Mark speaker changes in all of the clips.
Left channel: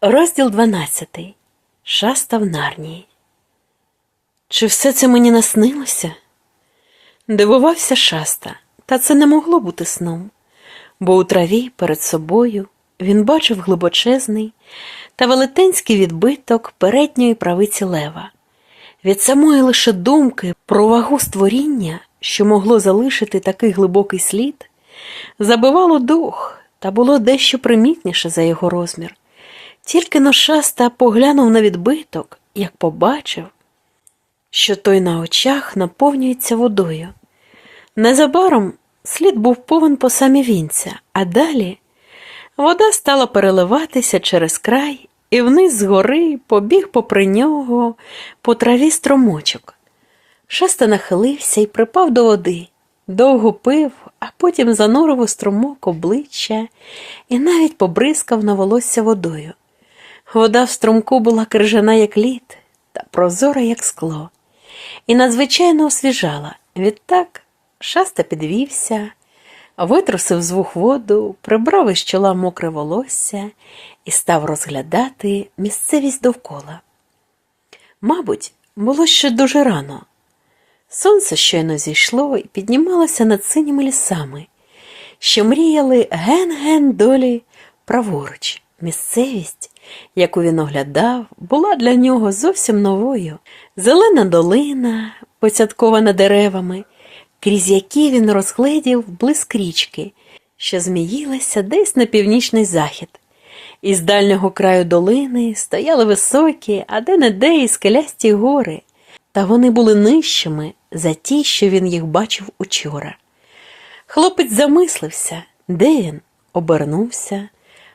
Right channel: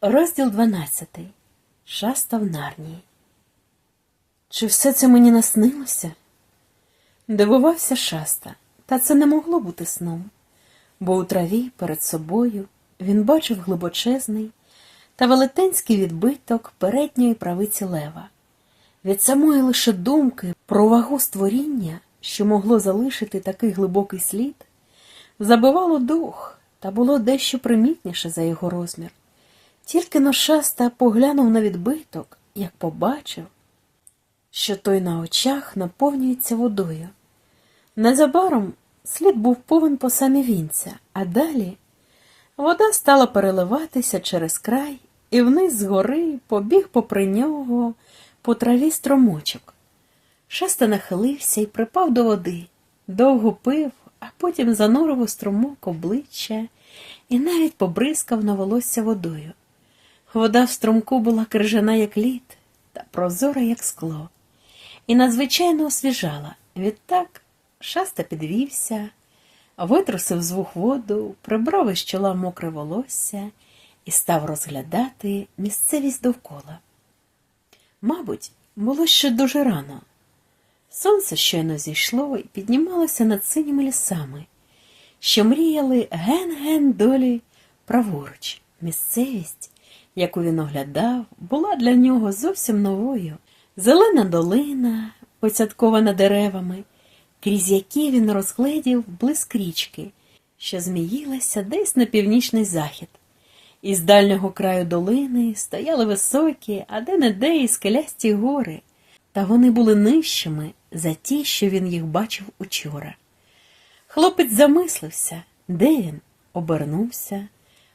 Speaker 1: Розділ 12. Шаста в Нарнії. Чи все це мені наснилося? Дивувався шаста, та це не могло бути сном, бо у траві перед собою він бачив глибочезний та велетенський відбиток передньої правиці лева. Від самої лише думки про вагу створіння, що могло залишити такий глибокий слід, забивало дух та було дещо примітніше за його розмір. Тільки но шаста поглянув на відбиток, як побачив, що той на очах наповнюється водою. Незабаром слід був повен по самі вінця, а далі вода стала переливатися через край, і вниз з гори побіг попри нього по траві струмочок. Шаста нахилився і припав до води, довго пив, а потім занурив у струмок обличчя і навіть побризкав на волосся водою. Вода в струмку була крижана, як лід, та прозора, як скло, і надзвичайно освіжала. Відтак шаста підвівся, витрусив з вух воду, прибрав із чола мокре волосся і став розглядати місцевість довкола. Мабуть, було ще дуже рано. Сонце щойно зійшло і піднімалося над синіми лісами, що мріяли ген-ген долі праворуч. Місцевість, яку він оглядав, була для нього зовсім новою. Зелена долина, поцяткована деревами, крізь які він розгледів блиск річки, що зміїлася десь на північний захід. Із дальнього краю долини стояли високі, а де-не-де і скелясті гори, та вони були нижчими за ті, що він їх бачив учора. Хлопець замислився, де він, обернувся,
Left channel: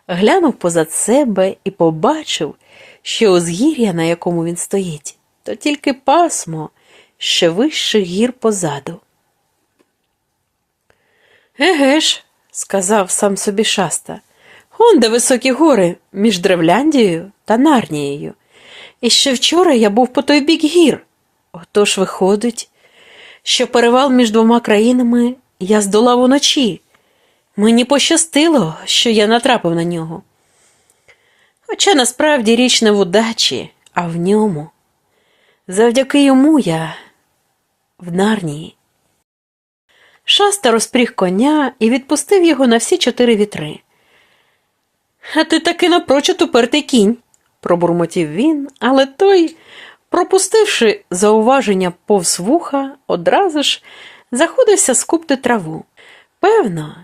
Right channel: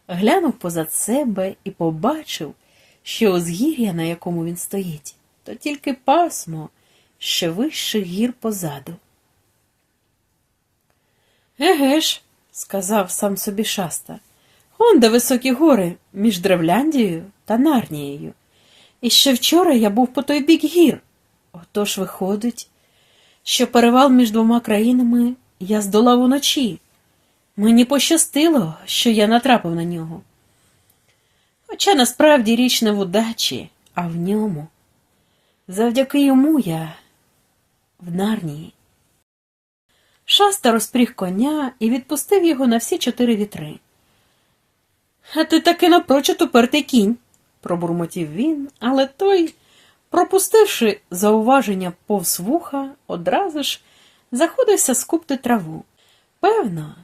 Speaker 1: глянув позад себе і побачив, що узгір'я, на якому він стоїть, то тільки пасмо ще вищих гір позаду. Еге ж, сказав сам собі шаста, он де високі гори між Древляндією та Нарнією. І ще вчора я був по той бік гір. Отож виходить, що перевал між двома країнами я здолав уночі. Мені пощастило, що я натрапив на нього. Хоча насправді річ не в удачі, а в ньому. Завдяки йому я в Нарнії. Шаста розпріг коня і відпустив його на всі чотири вітри. А ти таки напрочуд упертий кінь, пробурмотів він, але той, пропустивши зауваження повз вуха, одразу ж заходився скупти траву. Певно,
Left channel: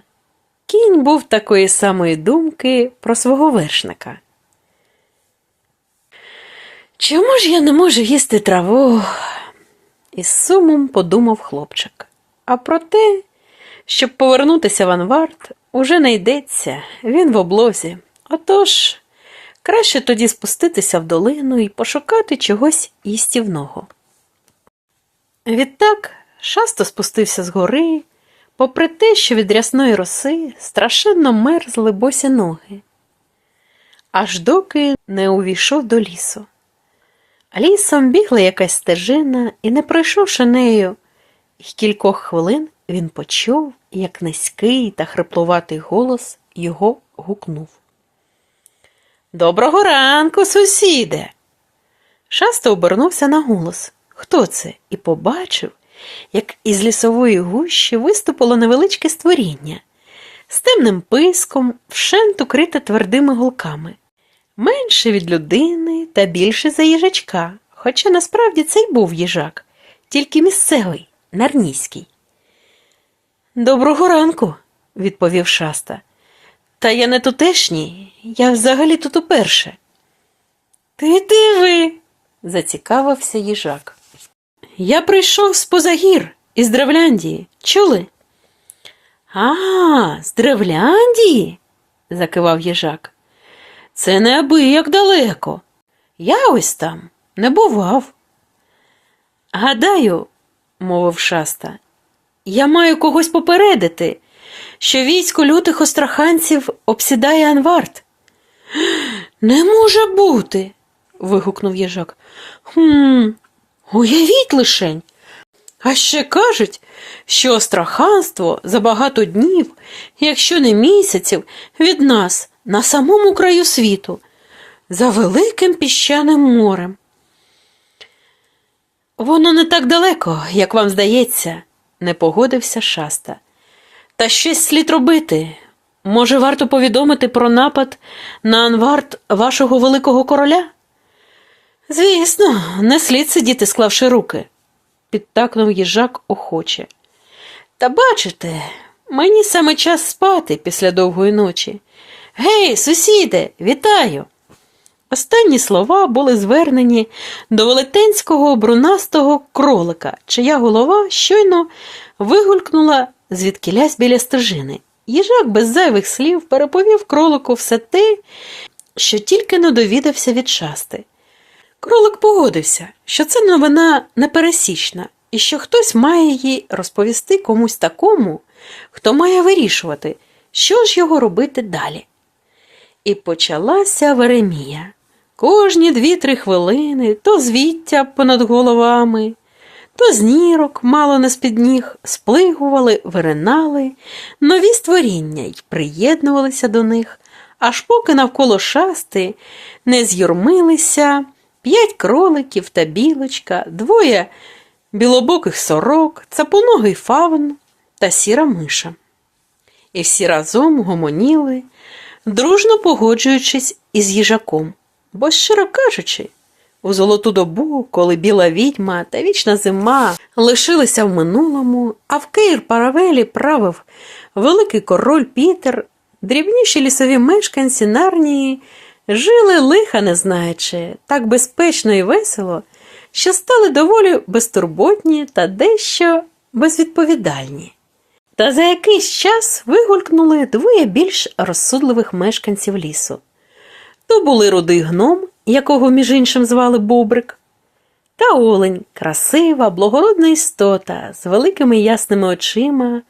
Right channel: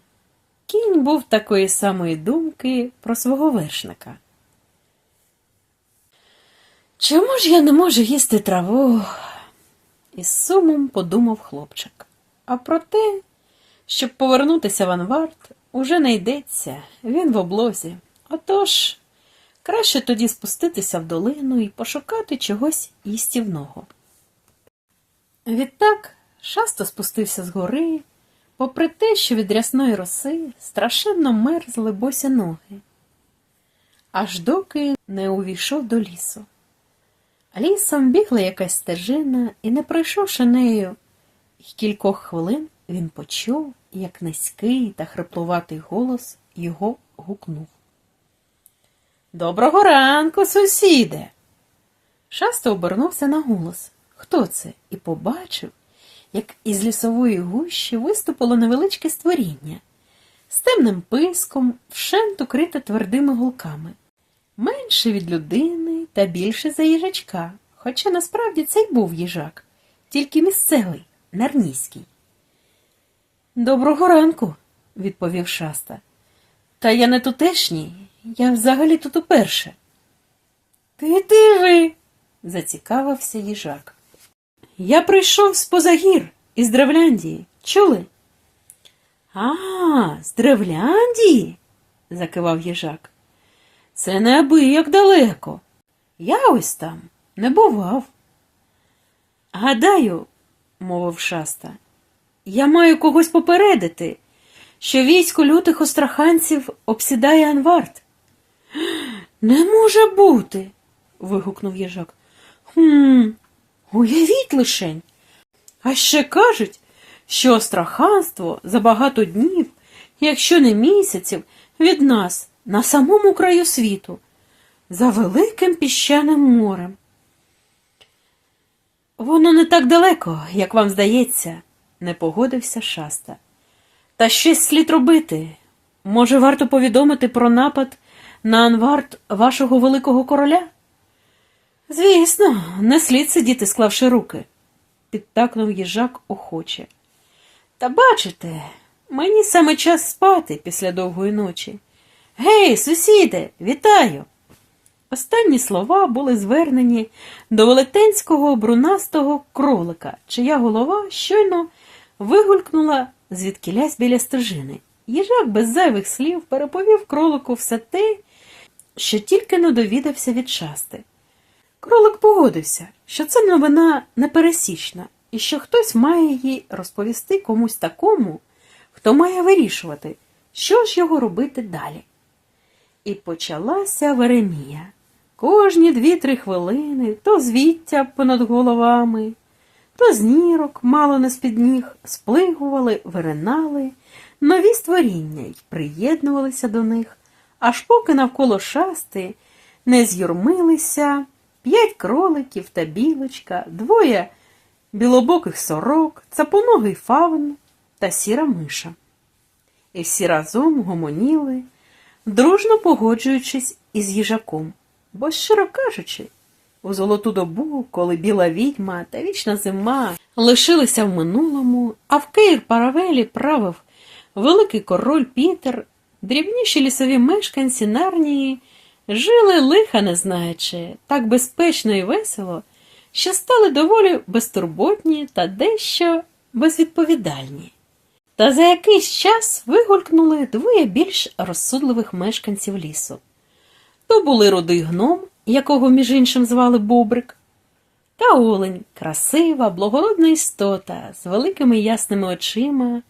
Speaker 1: кінь був такої самої думки про свого вершника. Чому ж я не можу їсти траву? із сумом подумав хлопчик. А про те, щоб повернутися в Анвард, уже не йдеться, він в облозі. Отож, краще тоді спуститися в долину і пошукати чогось їстівного. Відтак шасто спустився з гори, попри те, що від рясної роси страшенно мерзли босі ноги, аж доки не увійшов до лісу. Лісом бігла якась стежина, і, не пройшовши нею й кількох хвилин, він почув, як низький та хриплуватий голос його гукнув. Доброго ранку, сусіде. Шасто обернувся на голос. Хто це? І побачив, як із лісової гущі виступило невеличке створіння з темним писком, вшент укрите твердими голками, менше від людини та більше за їжачка, хоча насправді це й був їжак, тільки місцевий, нарнійський. Доброго ранку, відповів шаста. Та я не тутешній, я взагалі тут уперше. Ти диви, зацікавився їжак. Я прийшов з позагір, із Древляндії. Чули? А, з Древляндії? закивав їжак. Це не аби як далеко. Я ось там не бував. Гадаю, мовив шаста, я маю когось попередити, що військо лютих остраханців обсідає Анвард. Не може бути. вигукнув їжак. Хм, уявіть лишень. А ще кажуть, що остраханство за багато днів, якщо не місяців, від нас на самому краю світу. за великим піщаним морем. Воно не так далеко, як вам здається, не погодився шаста. Та щось слід робити. Може, варто повідомити про напад на анвард вашого великого короля? Звісно, не слід сидіти, склавши руки, підтакнув їжак охоче. Та бачите, мені саме час спати після довгої ночі. Гей, сусіде, вітаю! Останні слова були звернені до велетенського брунастого кролика, чия голова щойно вигулькнула звідкілясь біля стежини. Їжак без зайвих слів переповів кролику все те, що тільки не довідався від шасти. Кролик погодився, що це новина непересічна, і що хтось має її розповісти комусь такому, хто має вирішувати, що ж його робити далі. І почалася Веремія. Кожні дві-три хвилини то звіття понад головами, то з нірок, мало не з-під ніг, сплигували, виринали, нові створіння й приєднувалися до них, аж поки навколо шасти не з'юрмилися п'ять кроликів та білочка, двоє білобоких сорок, цапоногий фавн та сіра миша. І всі разом гомоніли, дружно погоджуючись із їжаком. Бо, щиро кажучи, у золоту добу, коли біла відьма та вічна зима лишилися в минулому, а в Кейр Паравелі правив великий король Пітер, дрібніші лісові мешканці Нарнії жили лиха не знаючи, так безпечно і весело, що стали доволі безтурботні та дещо безвідповідальні. Та за якийсь час вигулькнули двоє більш розсудливих мешканців лісу. То були рудий гном, якого між іншим звали Бобрик, та олень, красива, благородна істота з великими ясними очима,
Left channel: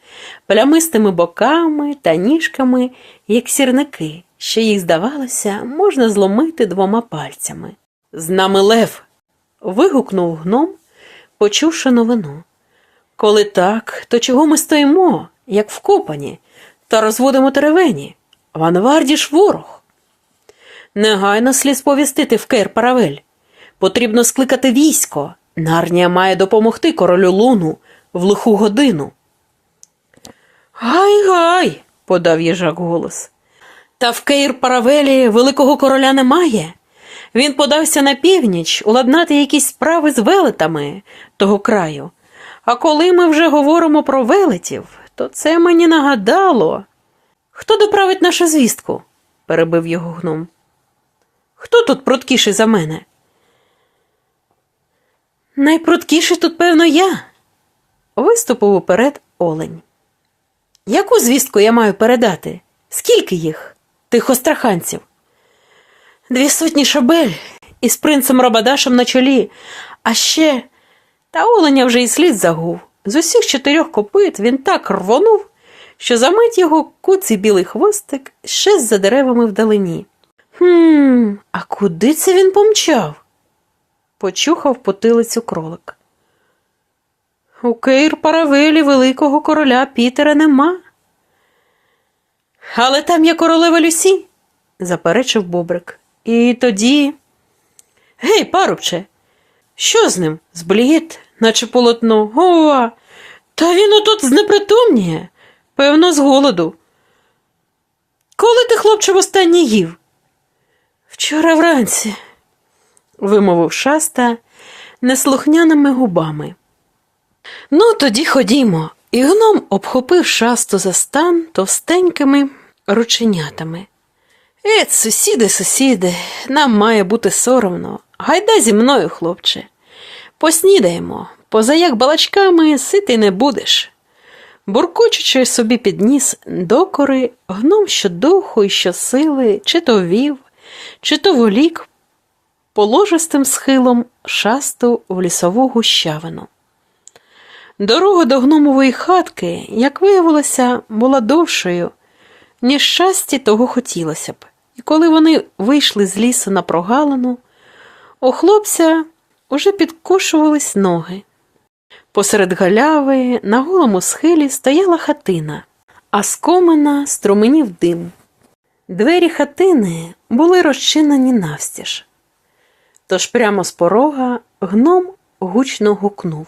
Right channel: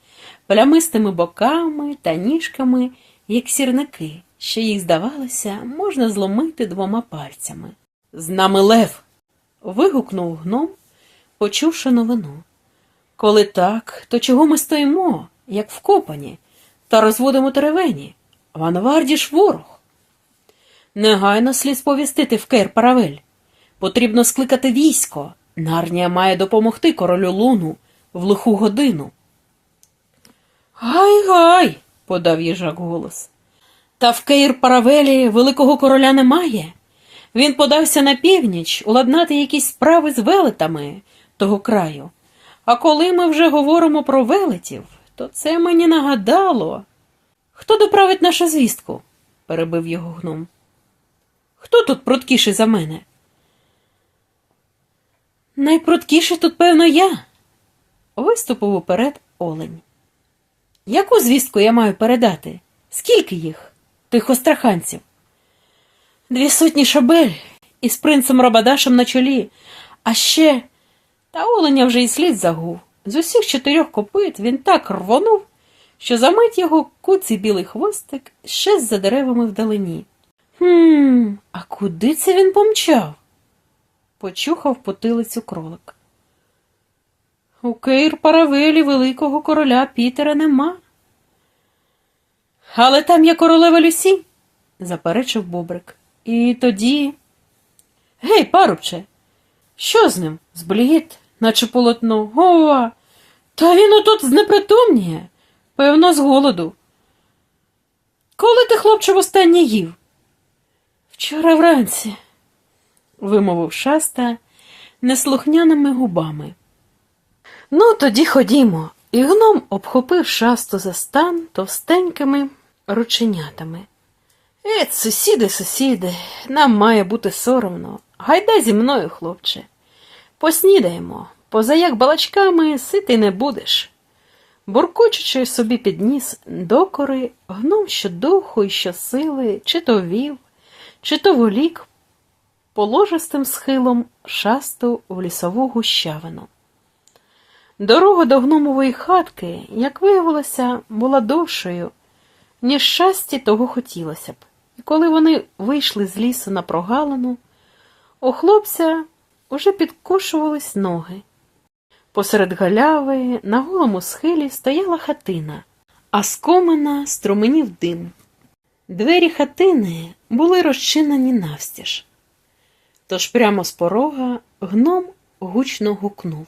Speaker 1: плямистими боками та ніжками, як сірники, що їх, здавалося, можна зломити двома пальцями. З нами лев. вигукнув гном, почувши новину. Коли так, то чого ми стоїмо, як вкопані, та розводимо теревені? В Анварді ж ворог. Негайно слід сповістити в Кейр Паравель. Потрібно скликати військо. Нарнія має допомогти королю луну в лиху годину. Гай гай, подав їжак голос. Та в Кейр Паравелі великого короля немає. Він подався на північ уладнати якісь справи з велетами того краю. А коли ми вже говоримо про велетів, то це мені нагадало. Хто доправить нашу звістку? перебив його гном. Хто тут пруткіший за мене? Найпруткіший тут, певно, я. Виступив уперед олень. Яку звістку я маю передати? Скільки їх, тих остраханців? Дві сотні шабель із принцем Рабадашем на чолі, а ще та оленя вже й слід загув. З усіх чотирьох копит він так рвонув, що замить його куций білий хвостик ще за деревами вдалині. Хм, а куди це він помчав? почухав потилицю кролик. У Кейр Паравелі великого короля Пітера нема. Але там є королева Люсі, заперечив Бобрик. І тоді. Гей, парубче, що з ним? Зблід, наче полотно. Ова, та він отут знепритомніє, певно, з голоду. Коли ти, хлопче, востаннє їв? Вчора вранці, вимовив шаста неслухняними губами. Ну, тоді ходімо. І гном обхопив шасту за стан товстенькими рученятами. Ет, сусіди, сусіди, нам має бути соромно. Гайда зі мною, хлопче. Поснідаємо, поза як балачками сити не будеш. Буркочучи собі підніс докори, гном щодуху і щосили, чи то вів, чи то волік положистим схилом шасту в лісову гущавину. Дорога до гномової хатки, як виявилося, була довшою, ніж того хотілося б, і коли вони вийшли з лісу на прогалину, у хлопця уже підкошувались ноги. Посеред галяви на голому схилі стояла хатина, а з комина струменів дим. Двері хатини були розчинені навстіж. Тож прямо з порога гном гучно гукнув.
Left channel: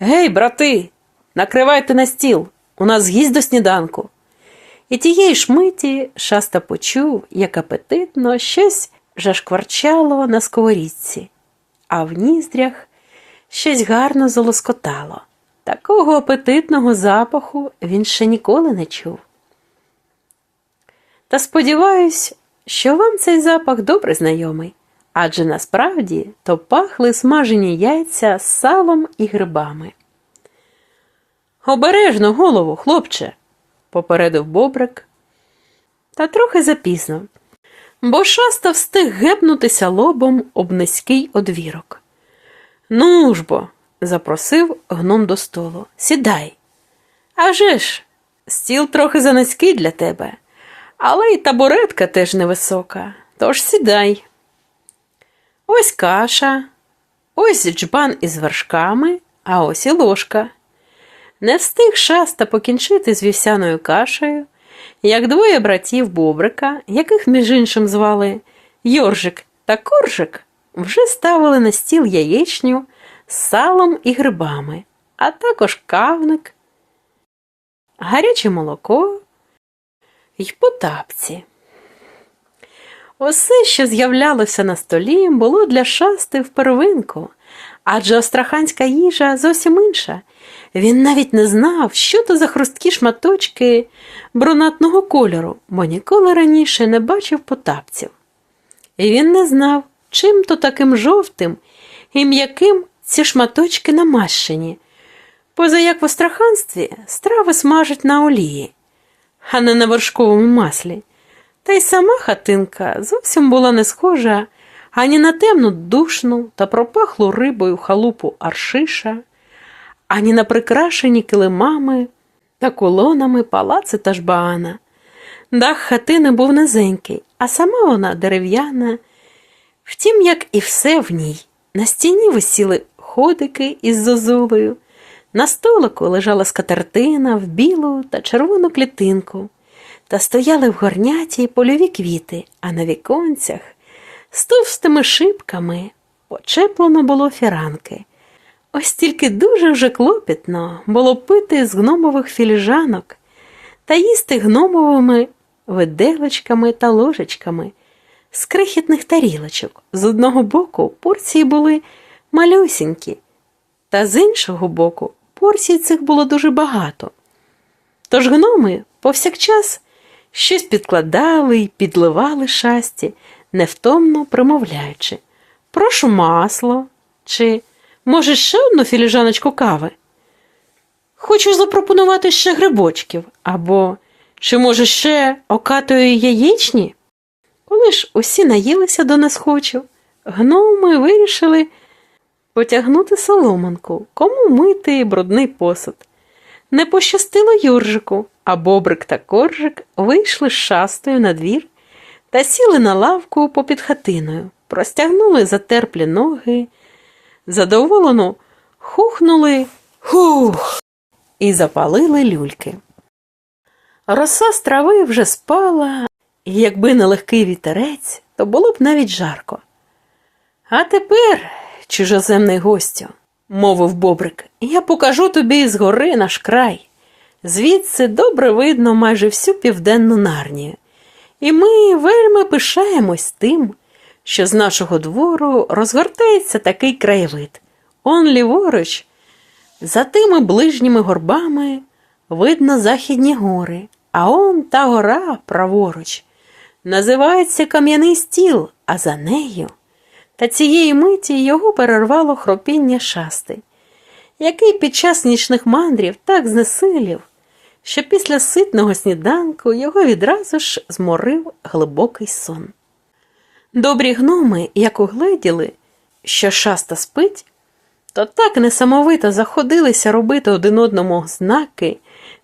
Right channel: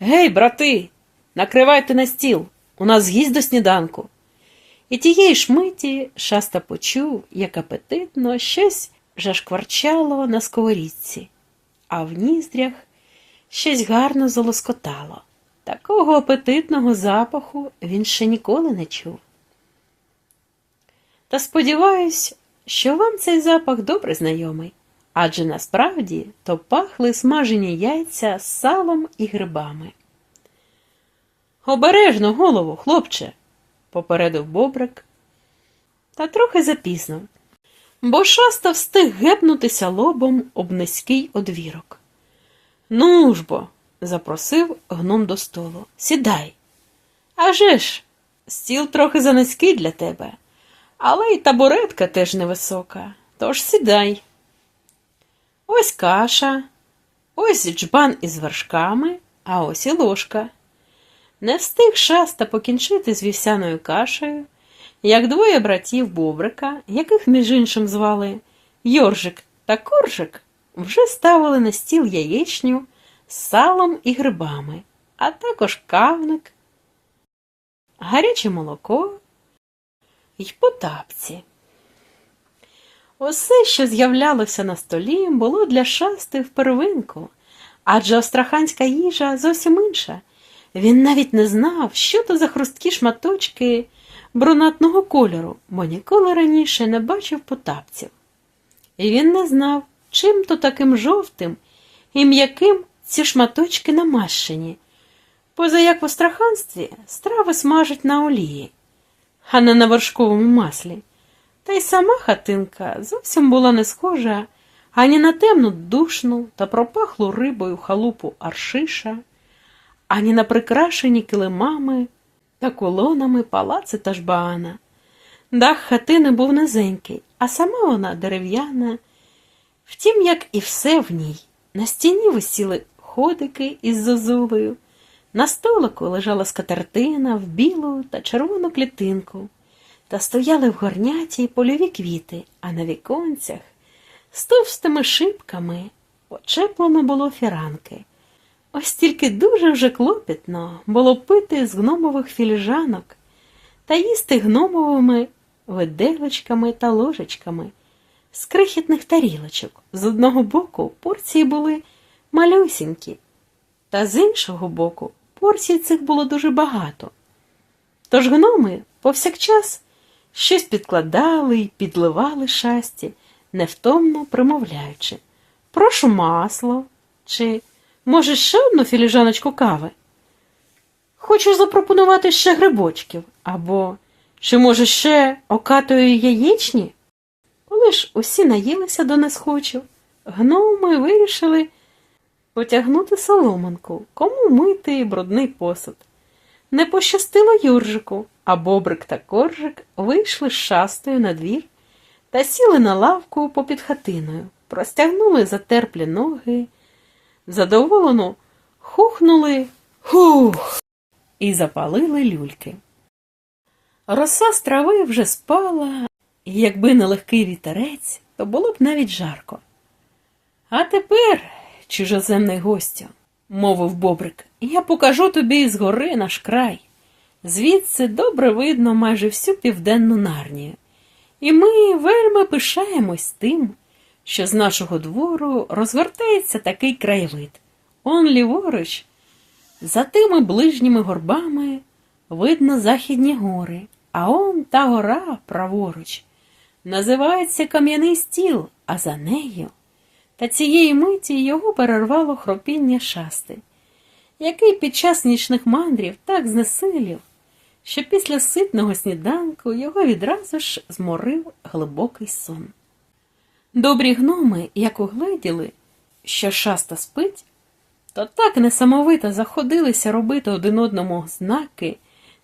Speaker 1: Гей, брати, накривайте на стіл, у нас гість до сніданку. І тієї ж миті шаста почув, як апетитно щось жашкварчало на сковорідці, а в ніздрях щось гарно залоскотало. Такого апетитного запаху він ще ніколи не чув. Та сподіваюсь, що вам цей запах добре знайомий, адже насправді то пахли смажені яйця з салом і грибами. Обережно голову, хлопче, попередив бобрик, та трохи запізно, бо шаста встиг гепнутися лобом об низький одвірок. Ну ж бо, запросив гном до столу. Сідай. А же ж, стіл трохи занизький для тебе, але й табуретка теж невисока, тож сідай. Ось каша, ось джбан із вершками, а ось і ложка. Не встиг шаста покінчити з вівсяною кашею, як двоє братів Бобрика, яких між іншим звали Йоржик та Коржик, вже ставили на стіл яєчню з салом і грибами, а також кавник, гаряче молоко й потапці. Усе, що з'являлося на столі, було для шасти в первинку, адже астраханська їжа зовсім інша. Він навіть не знав, що то за хрусткі шматочки брунатного кольору, бо ніколи раніше не бачив потапців. І він не знав, чим то таким жовтим і м'яким ці шматочки намащені, поза як в астраханстві страви смажать на олії, а не на вершковому маслі. Та й сама хатинка зовсім була не схожа ані на темну душну та пропахлу рибою халупу аршиша, ані на прикрашені килимами та колонами палаци та жбаана. Дах хатини був низенький, а сама вона дерев'яна. Втім, як і все в ній, на стіні висіли ходики із зозулею, на столику лежала скатертина в білу та червону клітинку, та стояли в горняті польові квіти, а на віконцях з товстими шибками почеплено було фіранки. Ось тільки дуже вже клопітно було пити з гномових філіжанок та їсти гномовими виделочками та ложечками з крихітних тарілочок. З одного боку порції були малюсінькі, та з іншого боку порцій цих було дуже багато. Тож гноми повсякчас щось підкладали й підливали шасті, невтомно промовляючи Прошу масло чи, може, ще одну філіжаночку кави? Хочу запропонувати ще грибочків, або, чи, може, ще окатої яєчні? Коли ж усі наїлися до несхочу, гноми вирішили потягнути соломанку, кому мити брудний посуд. Не пощастило Юржику, а бобрик та коржик вийшли з шастою на двір та сіли на лавку попід хатиною, простягнули затерплі ноги, задоволено хухнули хух і запалили люльки. Роса з трави вже спала, і якби не легкий вітерець, то було б навіть жарко. А тепер, чужоземний гостю, мовив бобрик, я покажу тобі з гори наш край. Звідси добре видно майже всю південну нарнію. І ми вельми пишаємось тим, що з нашого двору розгортається такий краєвид. Он ліворуч, за тими ближніми горбами видно західні гори, а он та гора праворуч. Називається Кам'яний стіл, а за нею. Та цієї миті його перервало хропіння шасти, який під час нічних мандрів так знесилів, що після ситного сніданку його відразу ж зморив глибокий сон. Добрі гноми, як угледіли, що шаста спить, то так несамовито заходилися робити один одному знаки,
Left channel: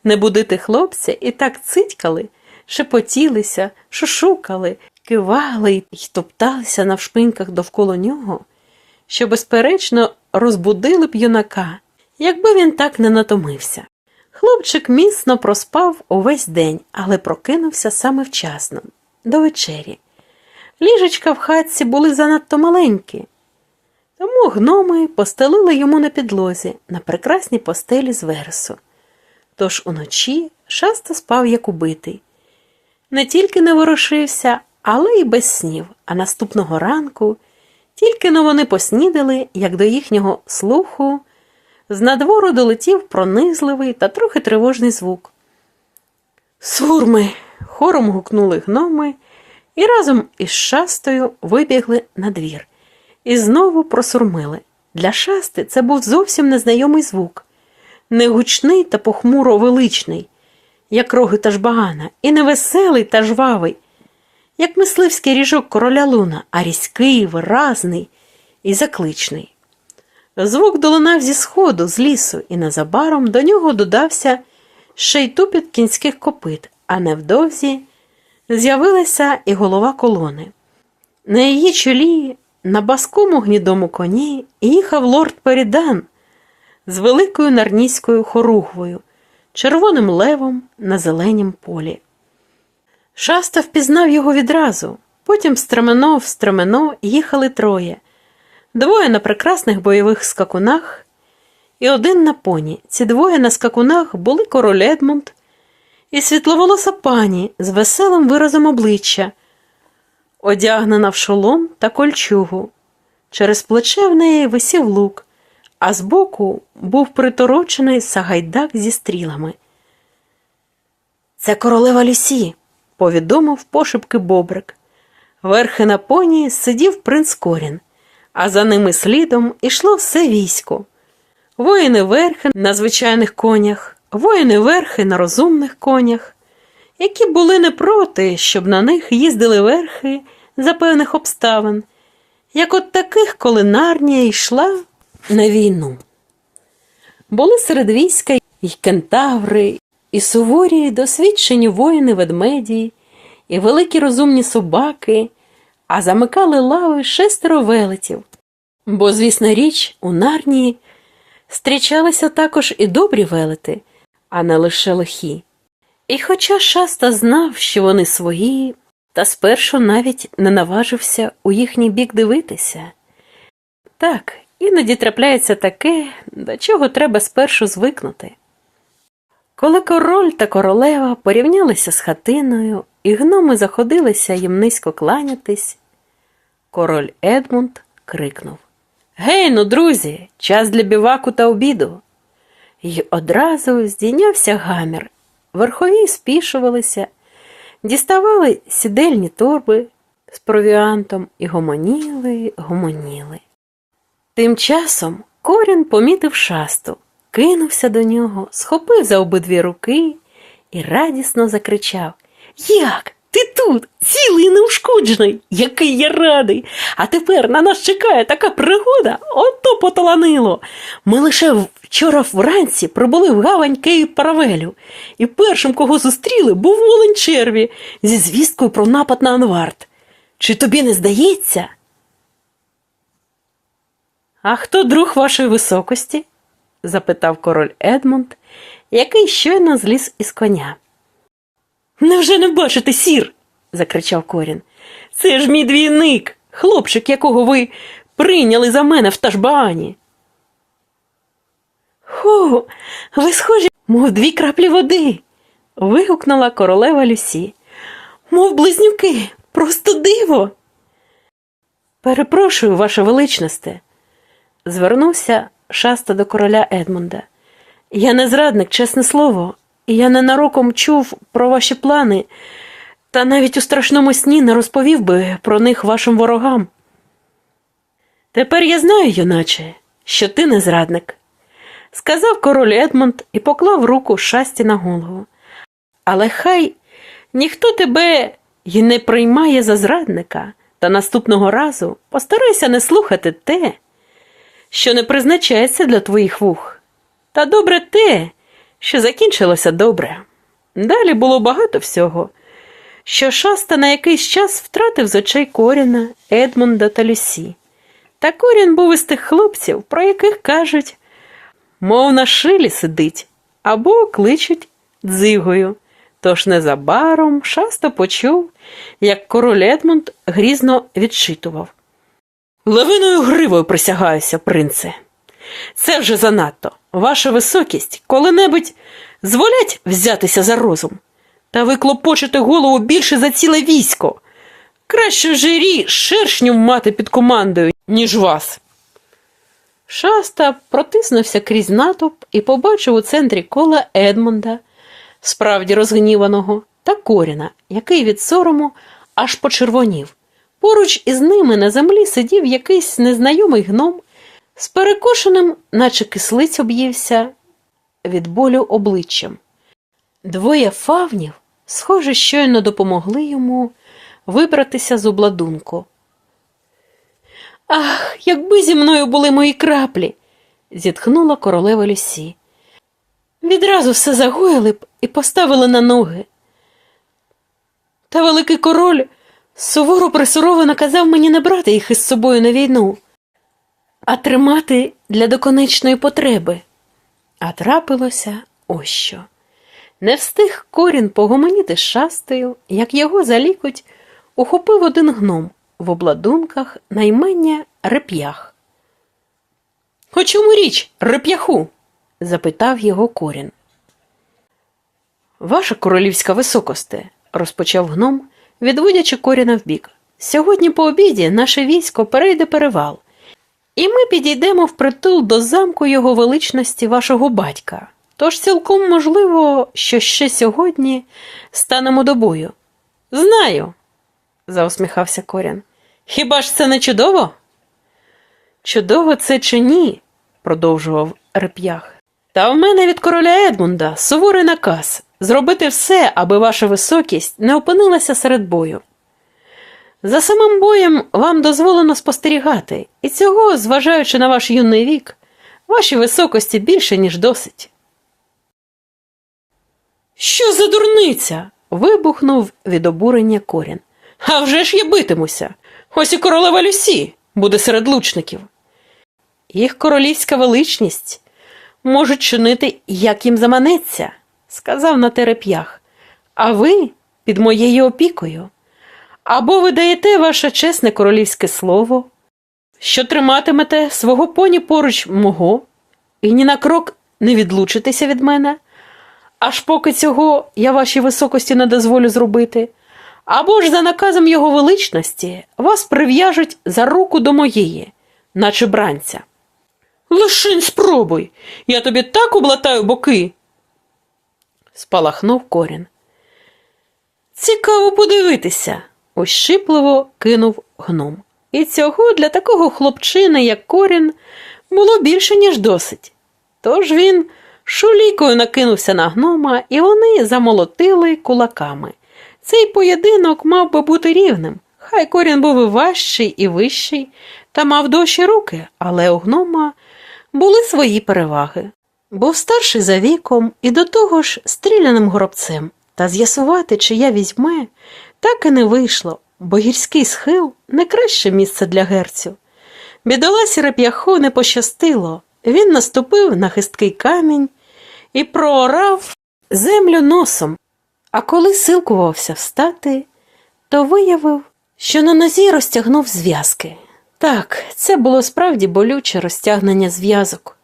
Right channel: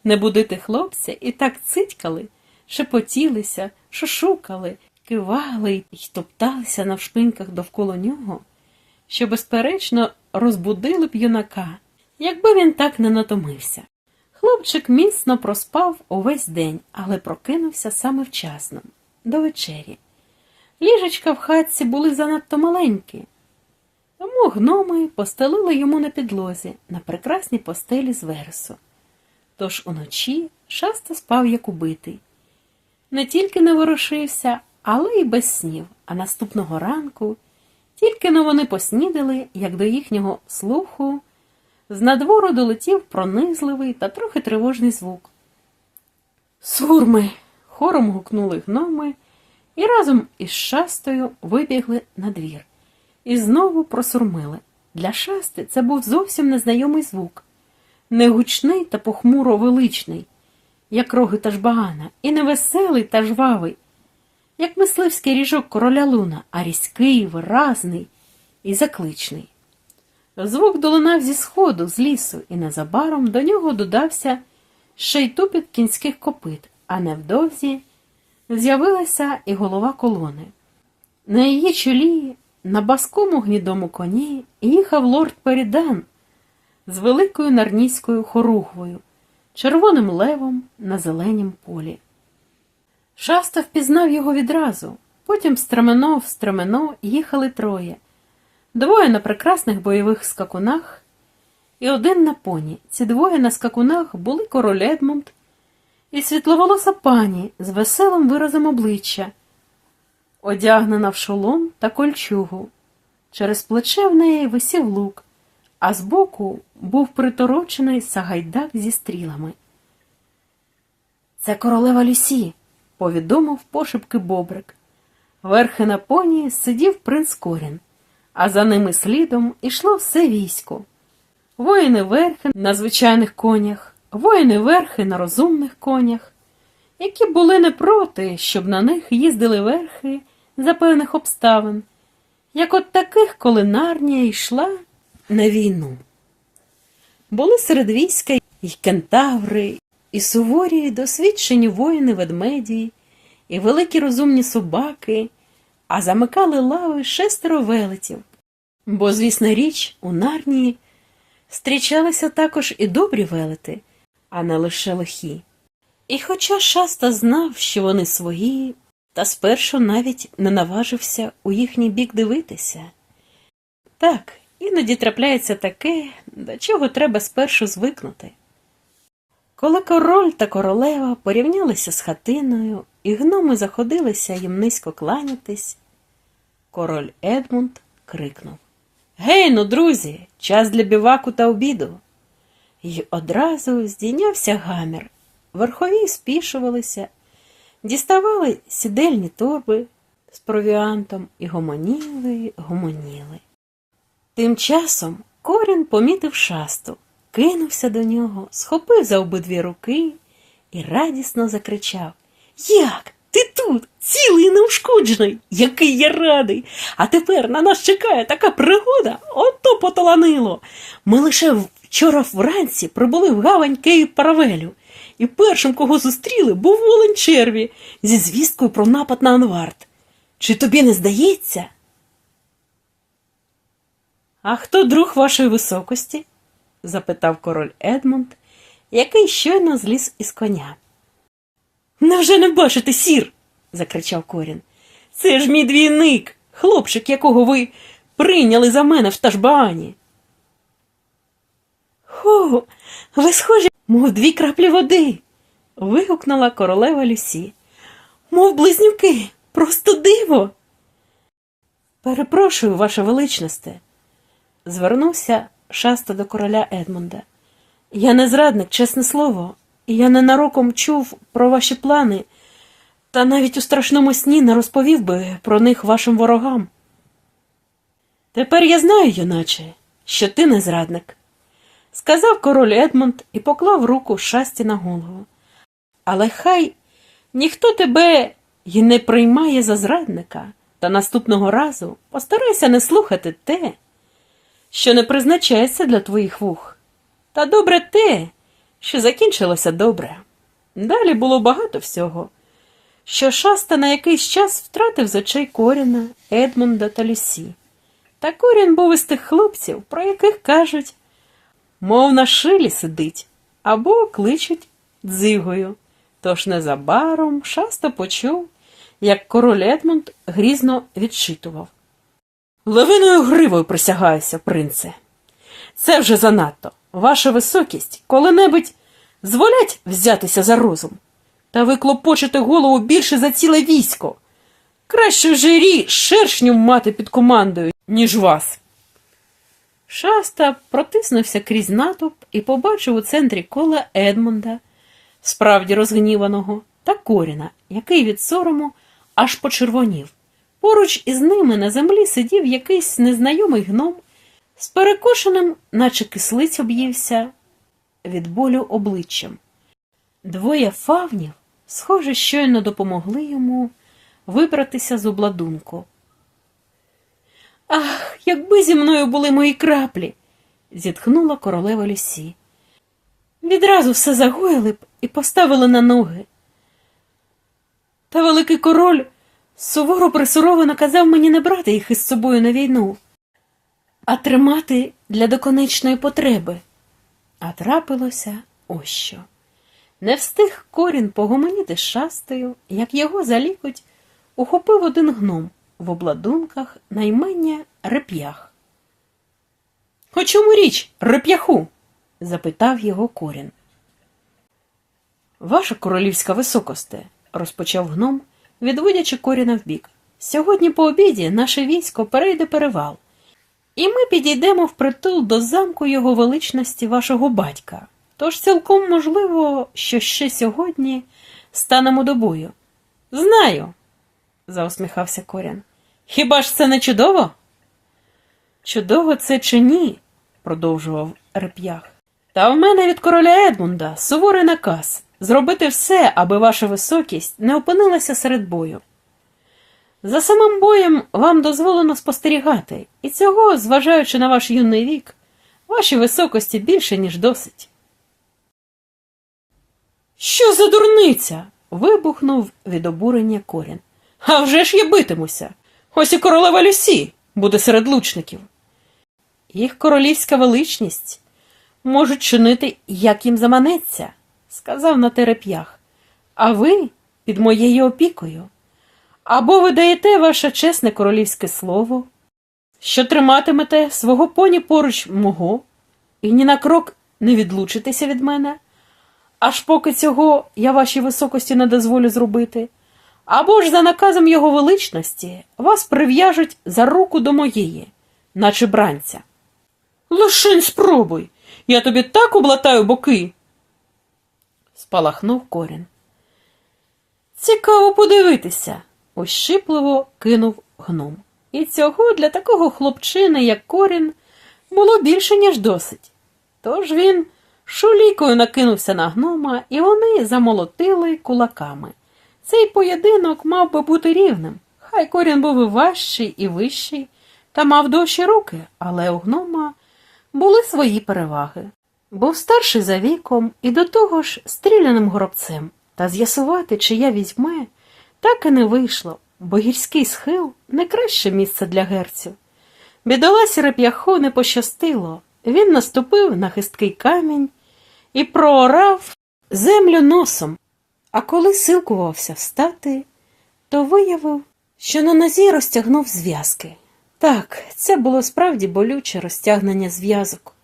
Speaker 1: не будити хлопця і так цитькали, шепотілися, шушукали, кивали й топталися навшпиньках довкола нього, що, безперечно, розбудили б юнака, якби він так не натомився. Хлопчик міцно проспав увесь день, але прокинувся саме вчасно. до вечері. Ліжечка в хатці були занадто маленькі, тому гноми постелили йому на підлозі на прекрасній постелі з вересу. Тож уночі шаста спав як убитий. Не тільки не ворушився, але й без снів, а наступного ранку, тільки но вони поснідали, як до їхнього слуху, з надвору долетів пронизливий та трохи тривожний звук. Сурми! хором гукнули гноми і разом із шастою вибігли на двір. І знову просурмили. Для шасти це був зовсім незнайомий звук, не гучний та похмуро величний, як роги та жбагана, і не веселий та жвавий, як мисливський ріжок короля луна, а різкий, виразний і закличний. Звук долунав зі сходу, з лісу, і незабаром до нього додався ще й тупіт кінських копит, а невдовзі з'явилася і голова колони. На її чолі, на баскому гнідому коні, їхав лорд Перідан з великою нарнійською хоругвою, червоним левом на зеленім полі. Шаста впізнав його відразу, потім стремено в стремено їхали троє, двоє на прекрасних бойових скакунах і один на поні. Ці двоє на скакунах були король Едмунд і світловолоса пані з веселим виразом обличчя, одягнена в шолом та кольчугу. Через плече в неї висів лук, а збоку був приторочений сагайдак зі стрілами. Це королева Люсі, повідомив пошепки Бобрик. Верхи на поні сидів принц Корін, а за ними слідом ішло все військо. Воїни верхи на звичайних конях, воїни верхи на розумних конях, які були не проти, щоб на них їздили верхи за певних обставин, як от таких, коли Нарнія йшла на війну. Були серед війська й кентаври, і суворі, й досвідчені воїни ведмеді, і великі розумні собаки, а замикали лави шестеро велетів. Бо, звісна річ, у Нарнії Стрічалися також і добрі велети, а не лише лихі. І хоча шаста знав, що вони свої, та спершу навіть не наважився у їхній бік дивитися. Так, іноді трапляється таке, до чого треба спершу звикнути. Коли король та королева порівнялися з хатиною, і гноми заходилися їм низько кланятись, король Едмунд крикнув Гей, ну, друзі, час для біваку та обіду. І одразу здійнявся гамір. Верхові спішувалися, діставали сідельні торби з провіантом і гомоніли, гомоніли. Тим часом корін помітив шасту, кинувся до нього, схопив за обидві руки і радісно закричав Як? Ти тут, цілий і неушкоджений, який я радий. А тепер на нас чекає така пригода, ото поталанило. Ми лише вчора вранці прибули в гавань Кейп Паравелю, і першим, кого зустріли, був Волень Черві зі звісткою про напад на Анвард. Чи тобі не здається? А хто друг вашої високості? запитав король Едмунд, який щойно зліз із коня. Невже не бачите, сір? закричав Корін. Це ж мій двійник, хлопчик, якого ви прийняли за мене в Ташбаані. Ху, ви схожі, мов дві краплі води. вигукнула королева Люсі. Мов близнюки, просто диво. Перепрошую, ваше величносте, звернувся шаста до короля Едмунда. Я не зрадник, чесне слово, я ненароком чув про ваші плани, та навіть у страшному сні не розповів би про них вашим ворогам. Тепер я знаю, юначе, що ти не зрадник, сказав король Едмонд і поклав руку шасті на голову. Але хай ніхто тебе й не приймає за зрадника, та наступного разу постарайся не слухати те, що не призначається для твоїх вух. Та добре те, що закінчилося добре. Далі було багато всього, що шаста на якийсь час втратив з очей Коріна, Едмунда та Люсі. Та Корін був із тих хлопців, про яких кажуть, мов на шилі сидить, або кличуть дзигою. Тож незабаром шаста почув, як король Едмунд грізно відчитував. Левиною гривою присягаюся, принце. Це вже занадто. Ваша високість коли-небудь зволять взятися за розум. Та ви клопочете голову більше за ціле військо. Краще жирі шершню мати під командою, ніж вас. Шаста протиснувся крізь натовп і побачив у центрі кола Едмунда, справді розгніваного, та Коріна, який від сорому аж почервонів. Поруч із ними на землі сидів якийсь незнайомий гном з перекошеним, наче кислиць об'ївся від болю обличчям. Двоє фавнів, схоже, щойно допомогли йому вибратися з обладунку. Ах, якби зі мною були мої краплі, зітхнула королева Люсі. Відразу все загоїли б і поставили на ноги. Та великий король суворо присурово наказав мені не брати їх із собою на війну, а тримати для доконечної потреби. А трапилося ось що. Не встиг корін погомоніти з шастою, як його за лікоть ухопив один гном в обладунках наймення реп'ях. — О чому річ, реп'яху? запитав його корін. Ваша королівська високосте, розпочав гном, відводячи коріна вбік. Сьогодні по обіді наше військо перейде перевал, і ми підійдемо впритул до замку його величності вашого батька. Тож цілком можливо, що ще сьогодні станемо до бою. Знаю, заусміхався Корян. Хіба ж це не чудово? Чудово це чи ні? продовжував реп'ях. Та в мене від короля Едмунда суворий наказ зробити все, аби ваша високість не опинилася серед бою. За самим боєм вам дозволено спостерігати, і цього, зважаючи на ваш юний вік, вашій високості більше, ніж досить. Що за дурниця? вибухнув від обурення корін. А вже ж я битимуся. Ось і королева Люсі буде серед лучників. Їх королівська величність можуть чинити, як їм заманеться, сказав на тереп'ях. А ви під моєю опікою. Або ви даєте ваше чесне королівське слово, що триматимете свого поні поруч мого, і ні на крок не відлучитеся від мене, аж поки цього я вашій високості не дозволю зробити, або ж за наказом його величності вас прив'яжуть за руку до моєї, наче бранця. Лишень спробуй, я тобі так облатаю боки. спалахнув корін. Цікаво подивитися, ощипливо кинув гном. І цього для такого хлопчини, як корін, було більше, ніж досить. Тож він шулікою накинувся на гнома, і вони замолотили кулаками. Цей поєдинок мав би бути рівним. Хай корін був і важчий, і вищий, та мав довші руки, але у гнома були свої переваги. Був старший за віком і до того ж стріляним горобцем, та з'ясувати, чия візьме, так і не вийшло, бо гірський схил не краще місце для герцю. Бідоласі реп'яху не пощастило. Він наступив на хисткий камінь і проорав землю носом, а коли силкувався встати, то виявив, що на нозі розтягнув зв'язки. Так, це було справді болюче розтягнення зв'язок,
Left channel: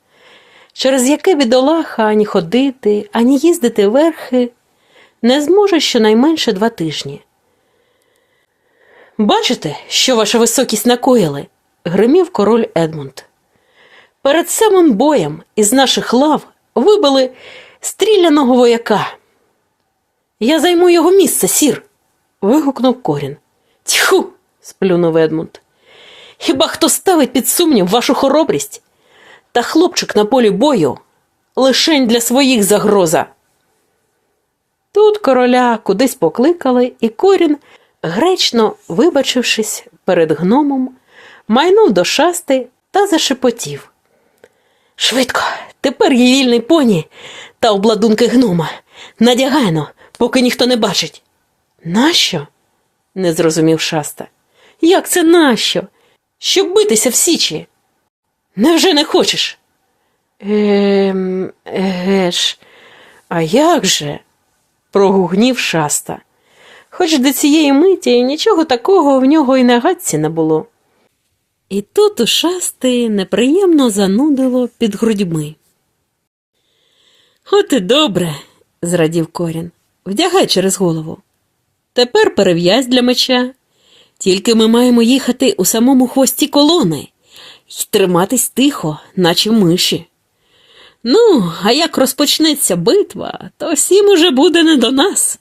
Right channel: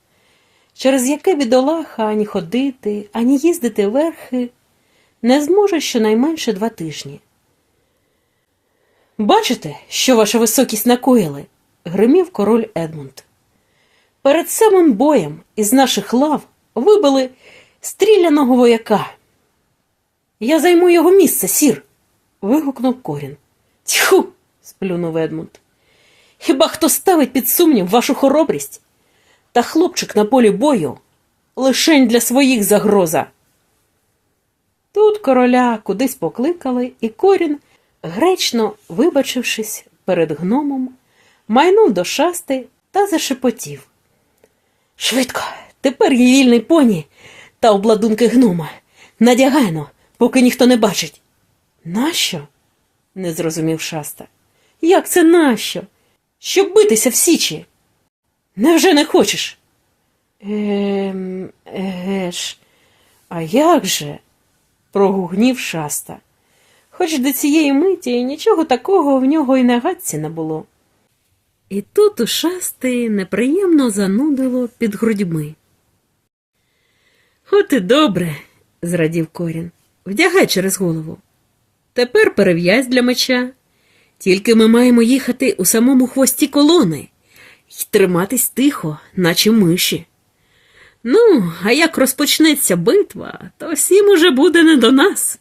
Speaker 1: через яке бідолаха ані ходити, ані їздити верхи не зможе щонайменше два тижні. Бачите, що ваша високість накоїли? гримів король Едмунд. Перед самим боєм із наших лав вибили стріляного вояка. Я займу його місце, сір. вигукнув корін. Тьху. сплюнув Едмунд. Хіба хто ставить під сумнів вашу хоробрість? Та хлопчик на полі бою лишень для своїх загроза. Тут короля кудись покликали, і корін, гречно вибачившись перед гномом, майнув до шасти та зашепотів. Швидко, тепер є вільний поні та обладунки гнома. Надягайно, поки ніхто не бачить. Нащо? не зрозумів шаста. Як це нащо? Щоб битися в січі. Невже не хочеш? Ем, ж, а як же? прогугнів шаста. Хоч до цієї миті нічого такого в нього і на гадці не було. І тут у шасти неприємно занудило під грудьми. От і добре, зрадів корін. Вдягай через голову. Тепер перев'язь для меча. Тільки ми маємо їхати у самому хвості колони й триматись тихо, наче миші. Ну, а як розпочнеться битва, то всім уже буде не до нас.